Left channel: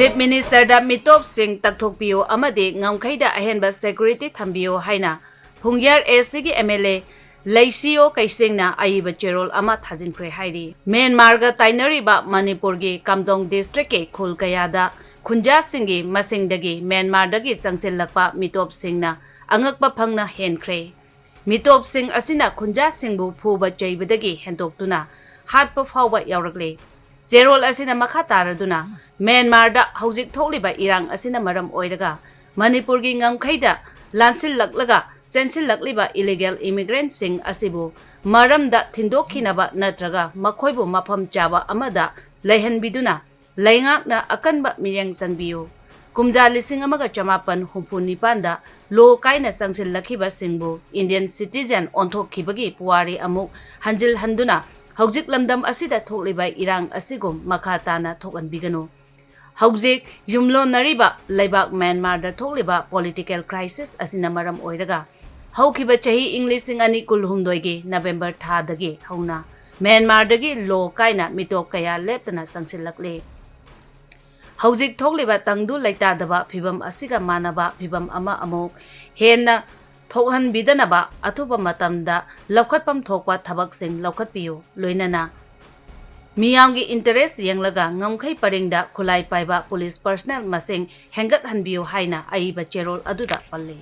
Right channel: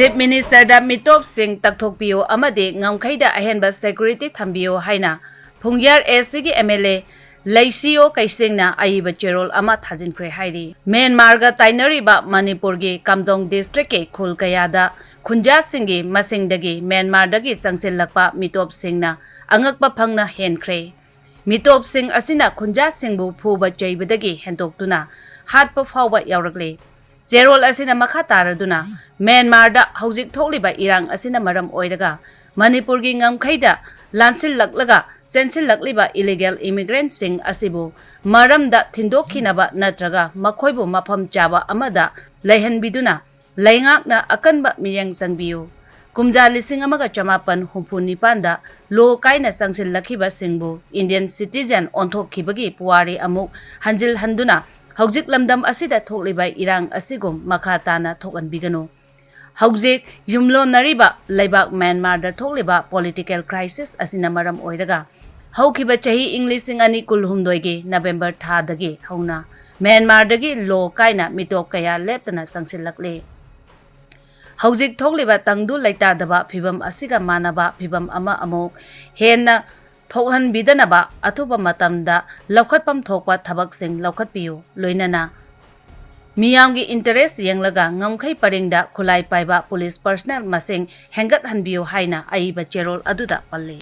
Chief Minister da Mitop Singh Takthokpiyu amadi Ngamkheida Ahenba Security Thambiyu haina Phungyar SCG MLA Leishiyo Keishing na aiba cherol ama thajinkhre hairi Myanmar ga tainariba Manipur gi Kamjong district ke khulkayada khunja singi masingdagi Myanmar dagi changsilakpa Mitop Singh na angakpa phangna henkhre Mitop Singh asina khunja singbu phuba chaibadagi hentoktuna hatpa phawba yaurakle cherol asina makha taraduna Myanmar da hauzik thokliba irang asina maram oiraga Manipur gi Ngamkheida lansil laklaga sensil lakliba illegal immigrant sing asibu maram da thindokhinaba natraga makhoibu mafam chaba amada leihanbiduna leingakna akanba miyang sangbiyu kumja lising amaga chamapan humphuni panda lo kaina sangsil lakhiba singbu Indian citizen onthokkhibagi puwari amuk hanjil handuna hauzik lamdam asida thokliba irang asigum makha tana thokanbiganu Hauzik yumlo nariba laibak Myanmar da thokliba political crisis asina maram oiraga haukiba chahi English ani kulhumdoigi November tha dagi hauna Myanmar dagi lo kaina mitop kaya leptana sangsilakle hauzik thokliba tangdu laita daba phibam asiga manaba phibam ama amuk henna thokhan bidanaba athuba matamda lokhatpam thokpa thabak sing lokhatpiyu loinana Miyamgi interest yanglaga ngamkhai paringda khulai paiba police personnel masing hengat hanbiyo haina aiba cherol aduda palle